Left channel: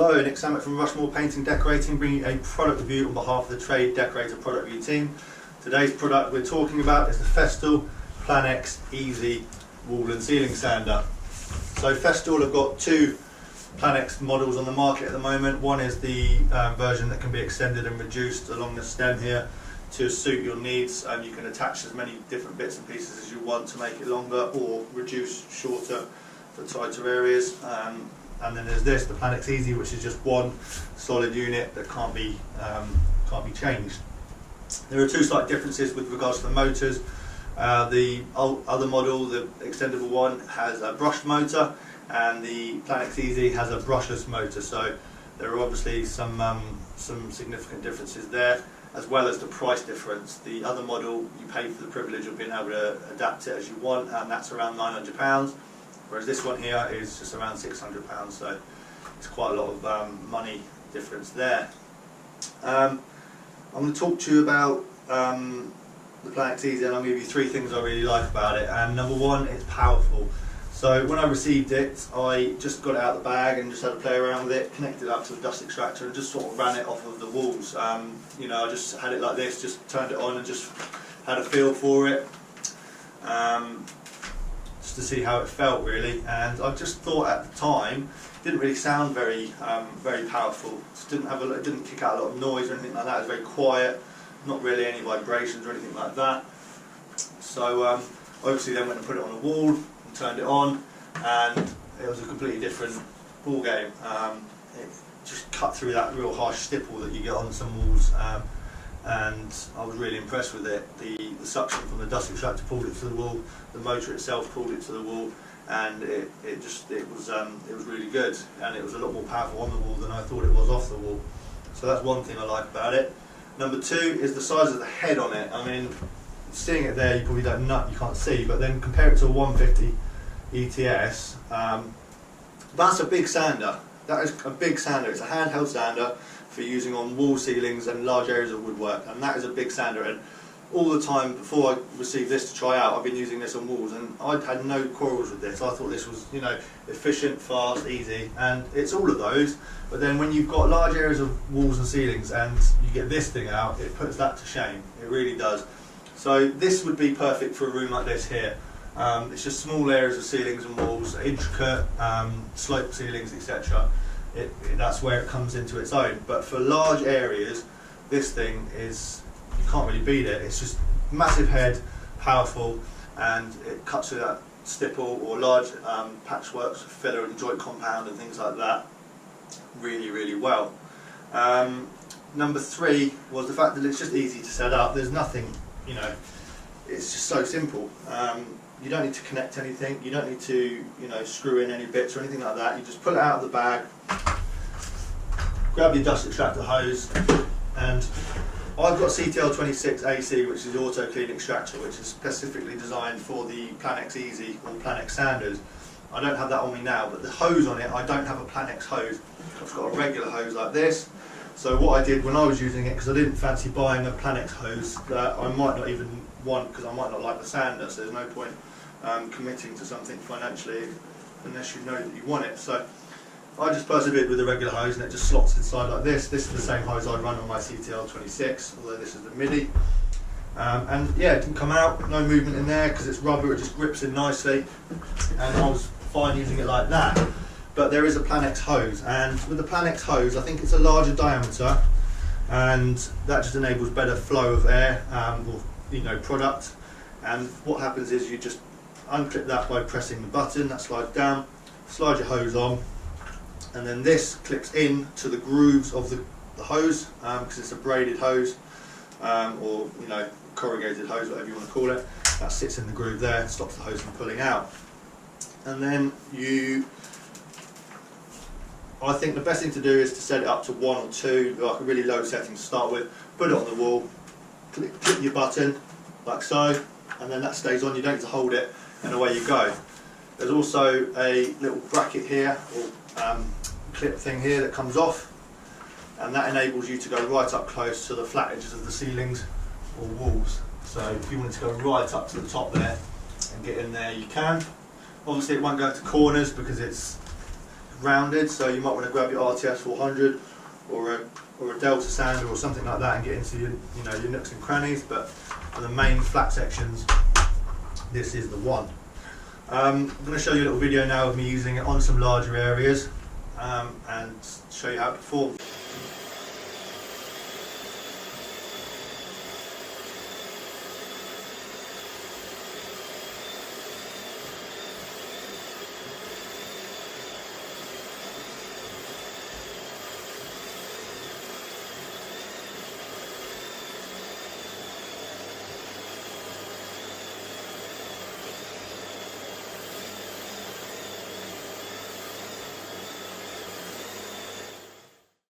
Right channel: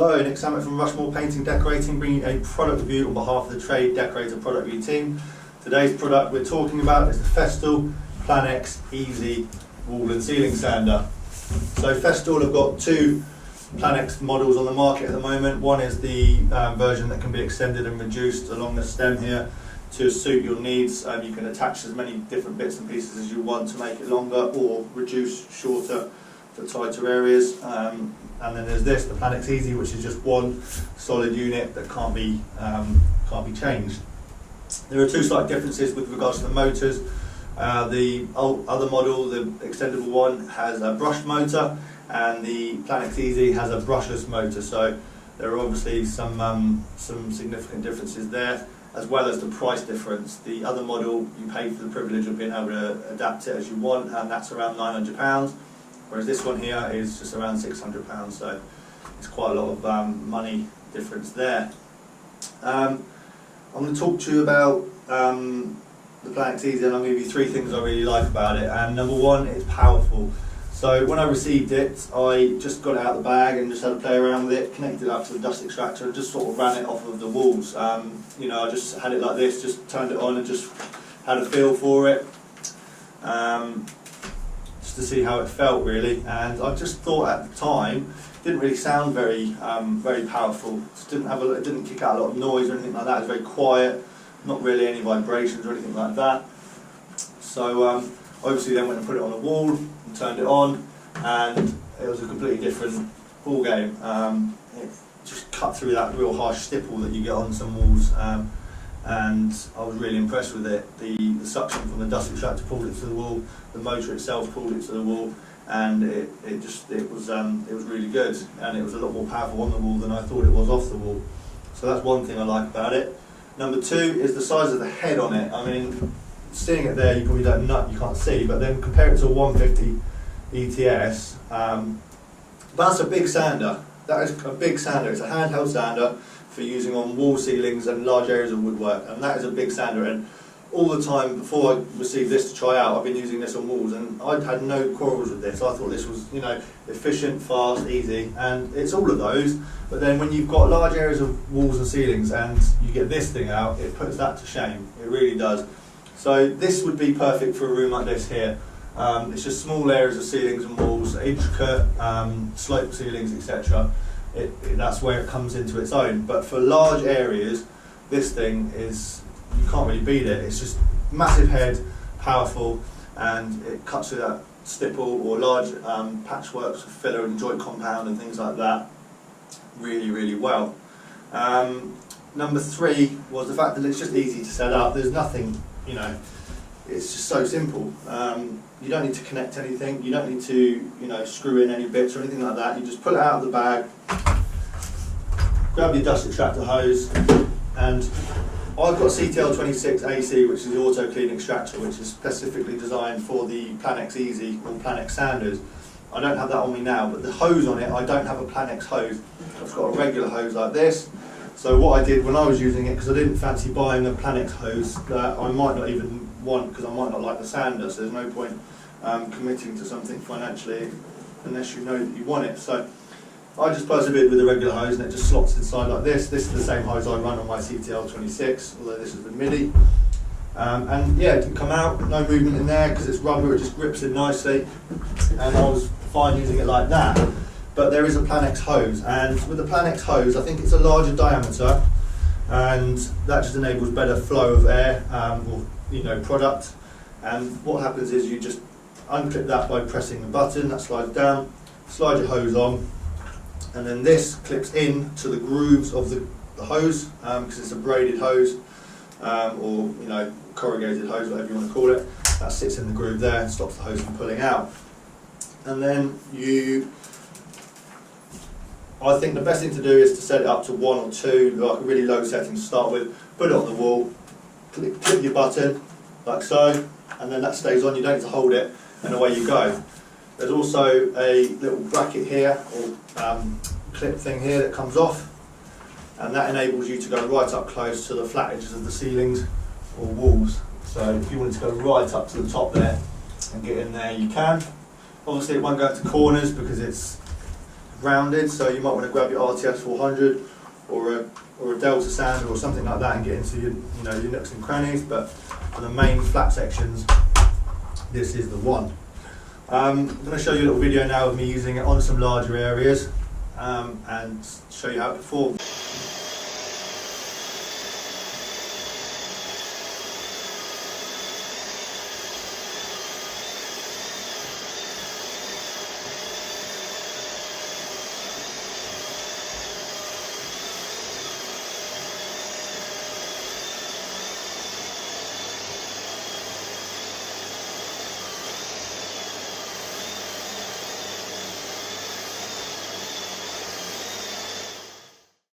Hello, Nick Sammut from Rushmore Painting Decorating, bringing you a product review on behalf of the Trade Decorator product review team. Today's product we're talking about is the Festool PLANEX Easy Wall and Ceiling Sander. So Festool have got two PLANEX models on the market at the moment. One is the version that can be extended and reduced along the stem here to suit your needs. You can attach as many different bits and pieces as you want to make it longer or reduce shorter for tighter areas. And then there's this, the PLANEX Easy, which is just one solid unit that can't be changed. There are two slight differences with regards to the motors. The other model, the extendable one, has a brushed motor, and the PLANEX Easy has a brushless motor. So there are obviously some significant differences there, as well as the price difference. The other model, you pay for the privilege of being able to adapt it as you want, and that's around £900. Whereas this one here is just around £600, so it's quite a lot of money difference there. I'm going to talk to you about the PLANEX Easy, and I'll give you three things I really like about it. And number one, it's powerful. So when I received it, I just got it out of the bag and just had to play around with it, connected it up to the dust extractor, and just sort of ran it off of the walls. You know, I just had it like this, just turned it on and just had a feel for it. To see how it felt really, and I just thought at the time it didn't really sound very powerful. It didn't kick out a lot of noise or anything like that. It was very quiet, not really any vibrations or anything like that. So obviously then went and put it on a wall and turned it on, and it was a completely different ball game. It just cut through that real harsh stipple that you get on some walls. And I was really impressed with it. The suction from the dust extractor pulled it to the wall, the motor itself pulled it to the wall, and it was really good, and it was a lot more powerful on the wall than I thought it was off the wall. So that's one thing I like about it. Number two is the size of the head on it. I mean, seeing it there, you probably you can't see, but then compare it to a 150 ETS. That's a big sander. That is a big sander. It's a handheld sander for using on wall ceilings and large areas of woodwork, and that is a big sander. And all the time before I received this to try out, I've been using this on walls, and I'd had no quarrels with this. I thought this was, you know, efficient, fast, easy, and it's all of those. But then when you've got large areas of walls and ceilings and you get this thing out, it puts that to shame. It really does. So this would be perfect for a room like this here. It's just small areas of ceilings and walls, intricate sloped ceilings, etc. That's where it comes into its own. But for large areas, this thing is, you can't really beat it. It's just massive head, powerful, and it cuts through that stipple or large patchworks of filler and joint compound and things like that really, really well. Number three was the fact that it's just easy to set up. There's nothing, you know, it's just so simple. You don't need to connect anything, you don't need to, you know, screw in any bits or anything like that. You just pull it out of the bag, grab your dust extractor hose, and I've got CTL26 AC, which is the auto clean extractor, which is specifically designed for the PLANEX Easy or PLANEX sanders. I don't have that on me now, but the hose on it, I don't have a PLANEX hose. I've got a regular hose like this. So what I did when I was using it, because I didn't fancy buying a PLANEX hose that I might not even want, because I might not like the sander, so there's no point committing to something financially unless you know that you want it. So I just persevered with the regular hose, and it just slots inside like this. This is the same hose I run on my CTL26, although this is the MIDI. And yeah, it didn't come out, no movement in there because it's rubber, it just grips in nicely, and I was fine using it like that. But there is a PLANEX hose, and with the PLANEX hose, I think it's a larger diameter, and that just enables better flow of air or, you know, product. And what happens is you just unclip that by pressing the button, that slides down, slide your hose on, and then this clips in to the grooves of the hose, because it's a braided hose, or, you know, corrugated hose, whatever you want to call it. That sits in the groove there, stops the hose from pulling out. And then I think the best thing to do is to set it up to 1 or 2, like a really low setting to start with, put it on the wall, clip your button, like so, and then that stays on, you don't need to hold it, and away you go. There's also a little bracket here, or clip thing here that comes off, and that enables you to go right up close to the flat edges of the ceilings or walls. So if you wanted to go right up to the top there and get in there, you can. Obviously it won't go into corners because it's rounded, so you might want to grab your RTS 400 or a Delta sander or something like that and get into your, your nooks and crannies. But for the main flat sections, this is the one. I'm going to show you a little video now of me using it on some larger areas and show you how it performs.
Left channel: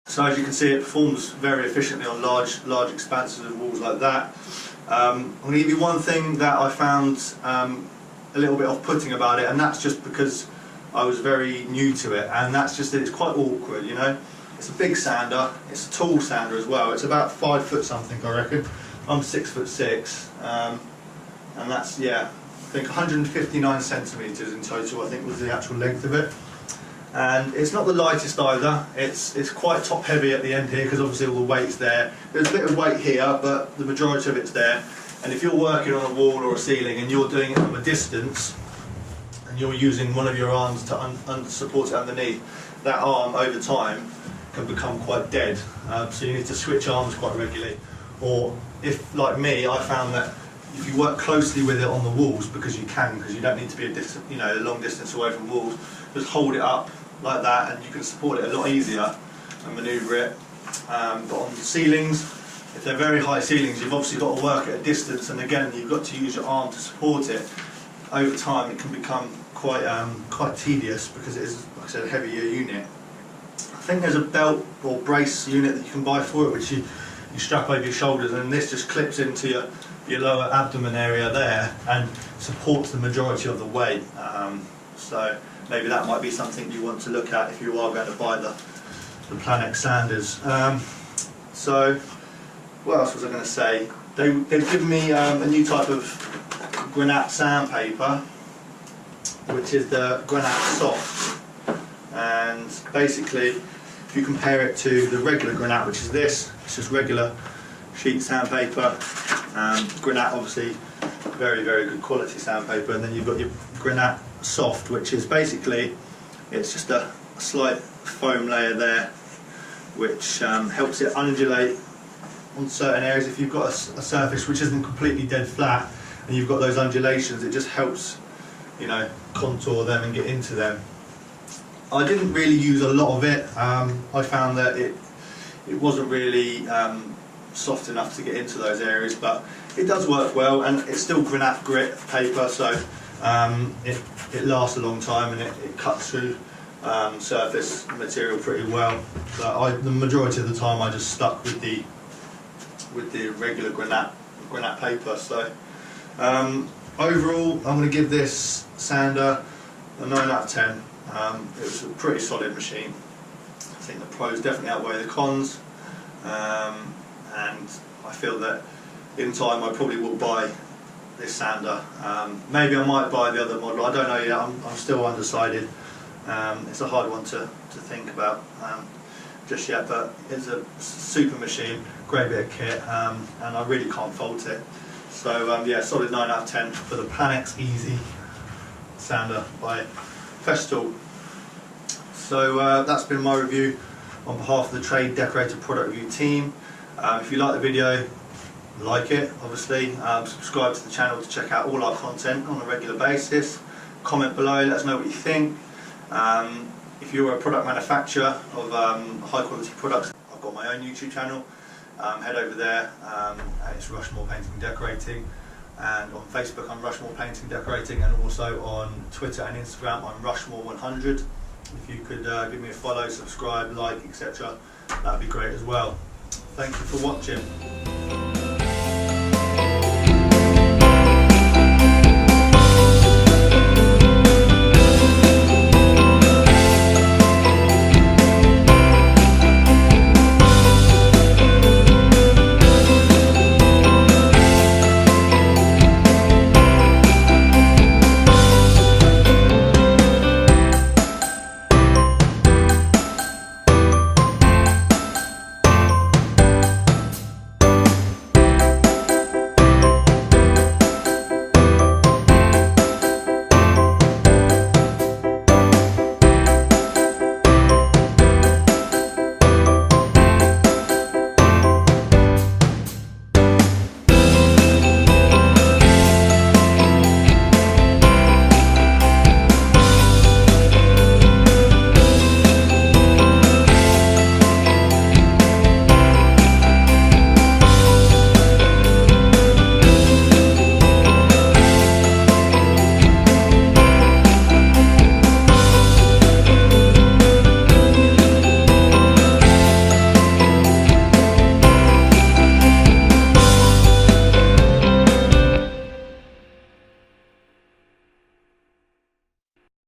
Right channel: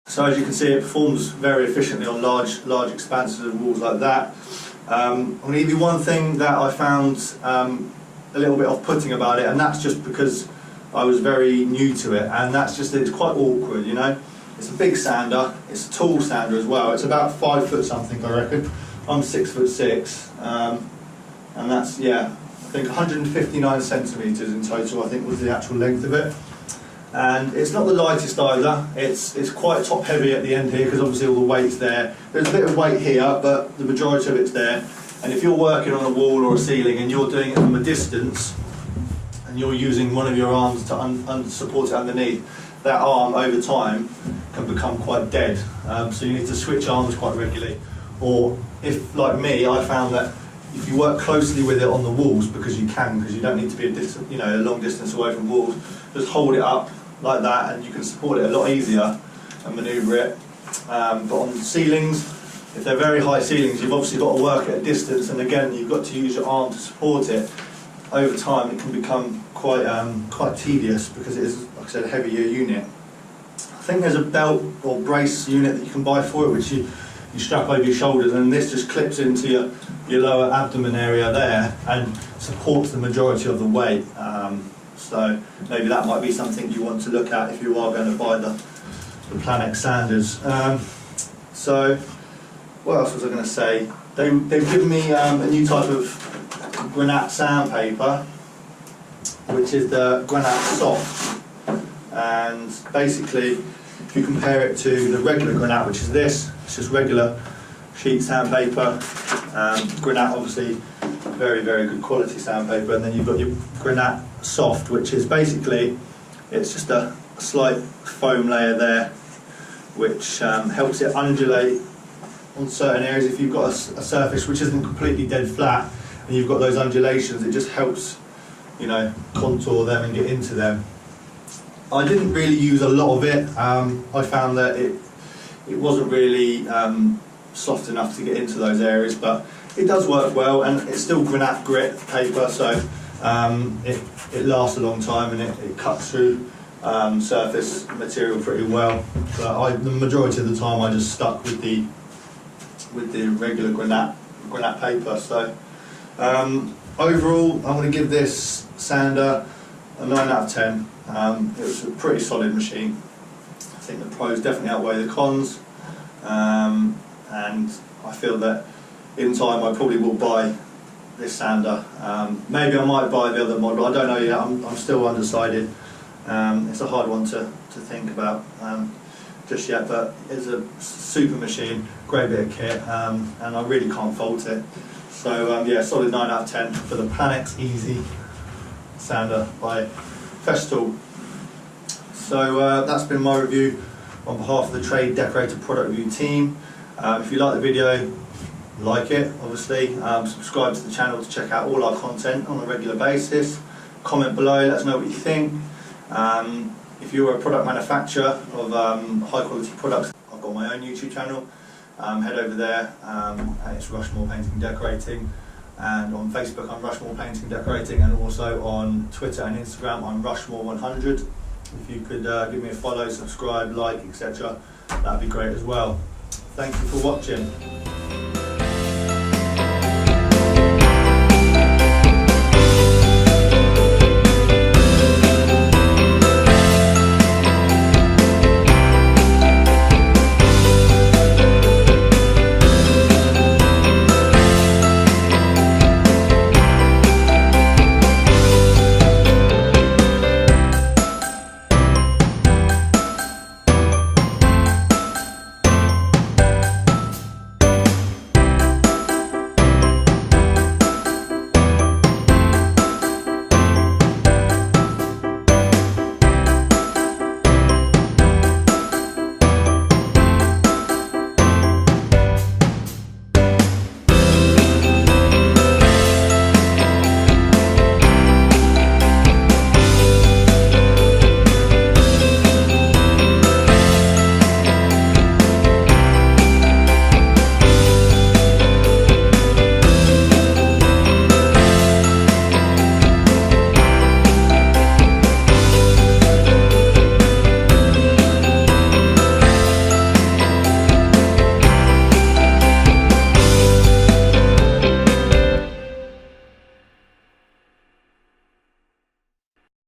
So as you can see, it performs very efficiently on large expanses of walls like that. I'm going to give you one thing that I found a little bit off-putting about it, and that's just because I was very new to it, and that's just that it's quite awkward, It's a big sander, it's a tall sander as well. It's about 5 foot something, I reckon. I'm 6'6", and that's, I think 159 centimetres in total, I think was the actual length of it. And it's not the lightest either. It's quite top heavy at the end here because obviously all the weight's there. There's a bit of weight here, but the majority of it's there. And if you're working on a wall or a ceiling and you're doing it from a distance and you're using one of your arms to support it underneath, that arm over time can become quite dead. So you need to switch arms quite regularly. Or if, like me, I found that if you work closely with it on the walls, because you don't need to be a long distance away from walls, just hold it up like that and you can support it a lot easier and manoeuvre it. But on ceilings, if they're very high ceilings, you've obviously got to work at a distance, and again you've got to use your arm to support it. Over time it can become quite tedious because it is, like I said, a heavier unit. I think there's a belt or brace unit that you can buy for it, which you strap over your shoulders, and this just clips into your lower abdomen area there and supports the majority of the weight. So maybe that might be something you want to look at if you are going to buy the PLANEX sanders. So what else was I going to say? They've given me a new type of granite sandpaper, which is the granite soft. And basically, if you compare it to the regular granite, which is this, it's just regular sheet sandpaper. Granite, obviously, very, very good quality sandpaper. And then you've got your granite soft, which is basically, it's just a slight foam layer there, which helps it undulate on certain areas. If you've got a surface which isn't completely dead flat and you've got those undulations, it just helps, contour them and get into them. I didn't really use a lot of it. I found that it wasn't really soft enough to get into those areas, but it does work well, and it's still granite grit paper, so it lasts a long time and it cuts through surface material pretty well. But the majority of the time I just stuck with the regular granite paper. So overall, I'm going to give this sander a 9 out of 10. It was a pretty solid machine. I think the pros definitely outweigh the cons, and I feel that in time I probably will buy this sander. Maybe I might buy the other model, I don't know yet, I'm still undecided. It's a hard one to think about just yet, but it's a super machine, great bit of kit, and I really can't fault it. So yeah, solid 9 out of 10 for the PLANEX Easy sander by Festool. So that's been my review on behalf of the Trade Decorator product review team. If you like the video, like it, obviously. Subscribe to the channel to check out all our content on a regular basis. Comment below, let us know what you think. If you're a product manufacturer of high quality products, I've got my own YouTube channel. Head over there, and it's Rushmore Painting Decorating. And on Facebook I'm Rushmore Painting Decorating, and also on Twitter and Instagram I'm Rushmore100. If you could give me a follow, subscribe, like, etc., that'd be great as well. Thank you for watching.